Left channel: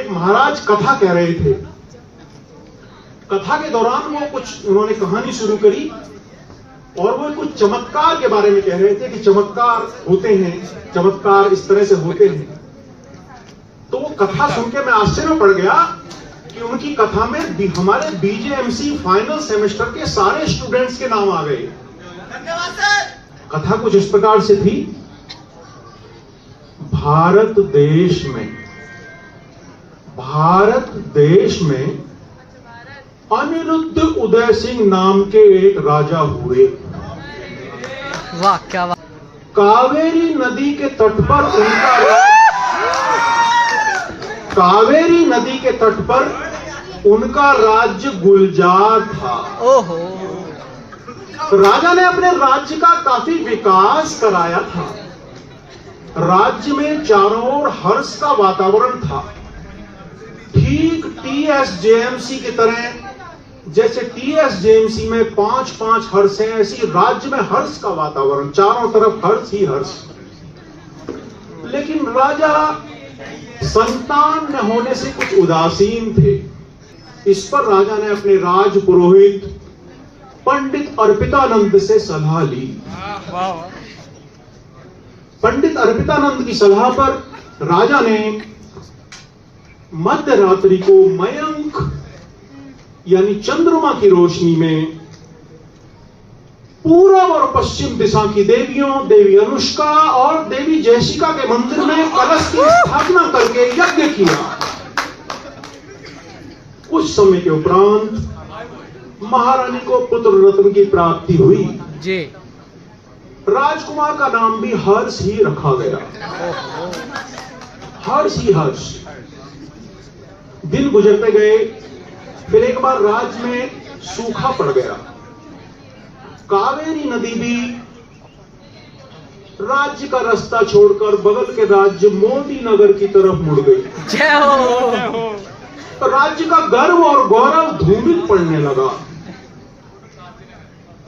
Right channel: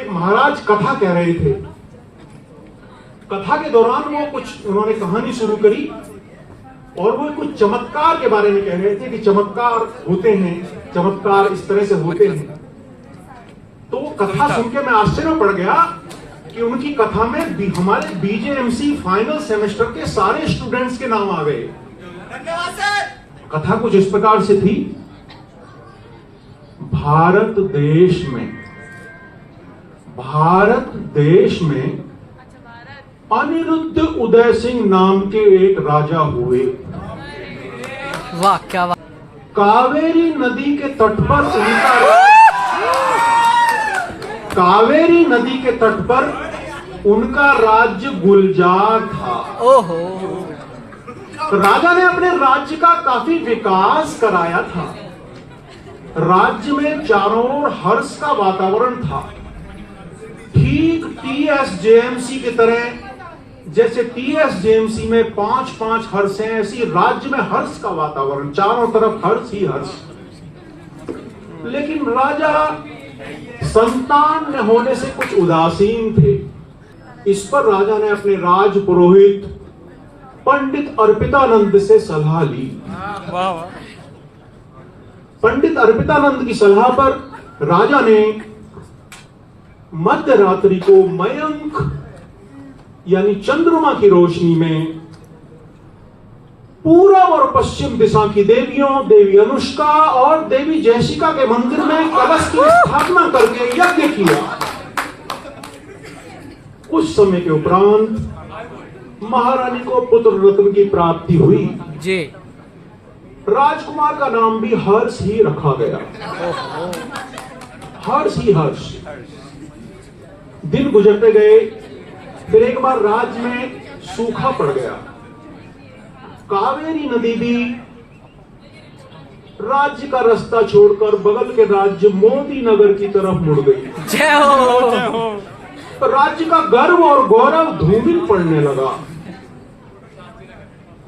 एक महाराज कथा कह रहे थे। कथा के दौरान वो कुछ उन्होंने कहानी शुरू करी और वो कुछ चमत्कार के बारे में कह रहे थे कि चमत्कार होते हैं, चमत्कार इस तरह से होते हैं। तो वो कथा सुन के मैं आश्चर्य पड़ गया कि उनकी कथा में हमारे बीजेएमसी फाइनल सेमेस्टर के सारे स्टूडेंट्स के नाम आ गए। धन्यवाद सर। कथा कुछ इस प्रकार से थी। भारत देश में अनिरुद्ध उदय सिंह नाम के एक राजा हुए। वाह क्या बात। कावेरी नदी के तट पर उनका राज्य गुलजार था। ओहो। राजा ने अपने राज्य का काफी विकास कराया था। राज्य में चारों ओर हर्ष का वातावरण था, ठीक टीएसजेएमसी की तरह। जैसे टीएसजेएमसी में 5-5 हर्ष हैं, ऐसी राज्य में हर्ष का वातावरण, चारों तरफ हर्ष ही हर्ष। लेकिन राजा संतान न होने से कुछ उदासीन थे। इस पर राजा ने अपने राज पुरोहित पंडित अर्पितानंद से सलाह ली। पंडित अर्पितानंद की सलाह पर राजा ने मध्य रात्रि को मयंक यानी चंद्रमा की रोशनी में पूर्व और पश्चिम दिशा की देवियों, देवी अनुष्का और देवी जयशिका के मंदिर में कलश की स्थापना करके यज्ञ किया। कुछ समय के उपरांत महारानी को पुत्र रत्न की प्राप्ति हुई जी। राजकुमार का नाम भी हर्ष ही रखा गया। हर्ष ही हर्ष। दिन गुजरते गए, फिर एक बार राज्य में सूखा पड़ गया। कावेरी नदी भी राज्य का रास्ता छोड़कर बगल के राज्य मोदी नगर की तरफ मुड़ गई। जय हो। तो राज्य का गर्व और गौरव धूमिल पड़ने लगा।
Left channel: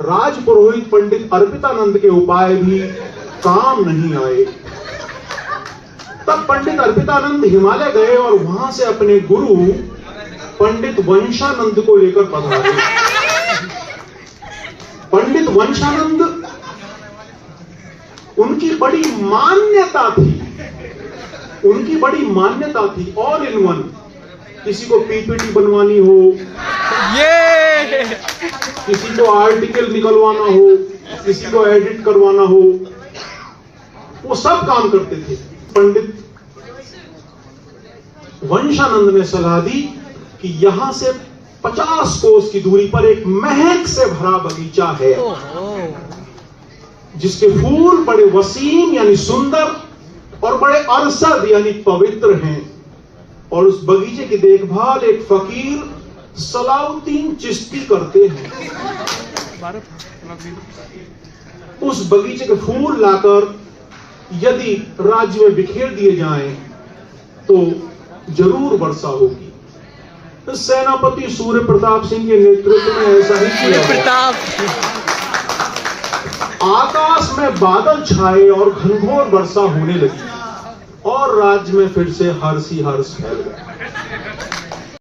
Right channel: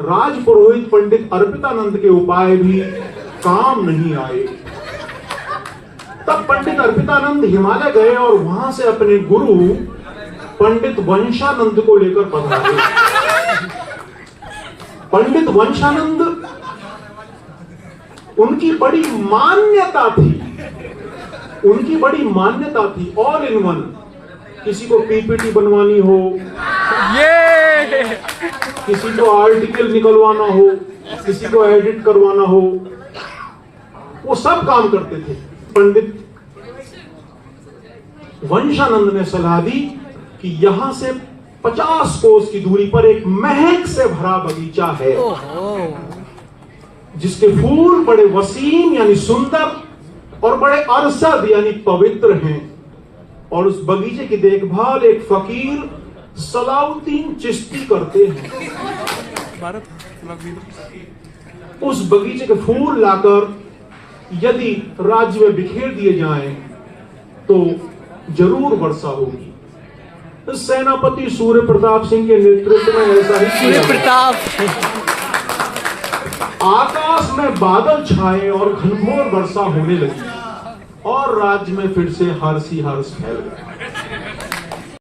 राज पुरोहित पंडित अर्पितानंद के उपाय भी काम नहीं आए। तब पंडित अर्पितानंद हिमालय गए और वहां से अपने गुरु पंडित वंशानंद को लेकर पधारे। पंडित वंशानंद, उनकी बड़ी मान्यता थी ऑल इन वन। किसी को पीपीटी बनवानी हो, किसी को आर्टिकल निकलवाना हो, किसी को एडिट करवाना हो, वो सब काम करते थे। पंडित वंशानंद ने सलाह दी कि यहां से 50 कोस की दूरी पर एक महक से भरा बगीचा है, जिसके फूल बड़े वसीम यानी सुंदर और बड़े अरसद यानी पवित्र हैं। और उस बगीचे की देखभाल एक फकीर सलाउद्दीन चिश्ती करते हैं। उस बगीचे के फूल लाकर यदि राज्य में बिखेर दिए जाएं तो जरूर वर्षा होगी। तो सेनापति सूर्य प्रताप सिंह के नेतृत्व में ऐसा ही किया गया। आकाश में बादल छाए और घनघोर वर्षा होने लगी और राज्य में फिर से हर्ष ही हर्ष फैल गया।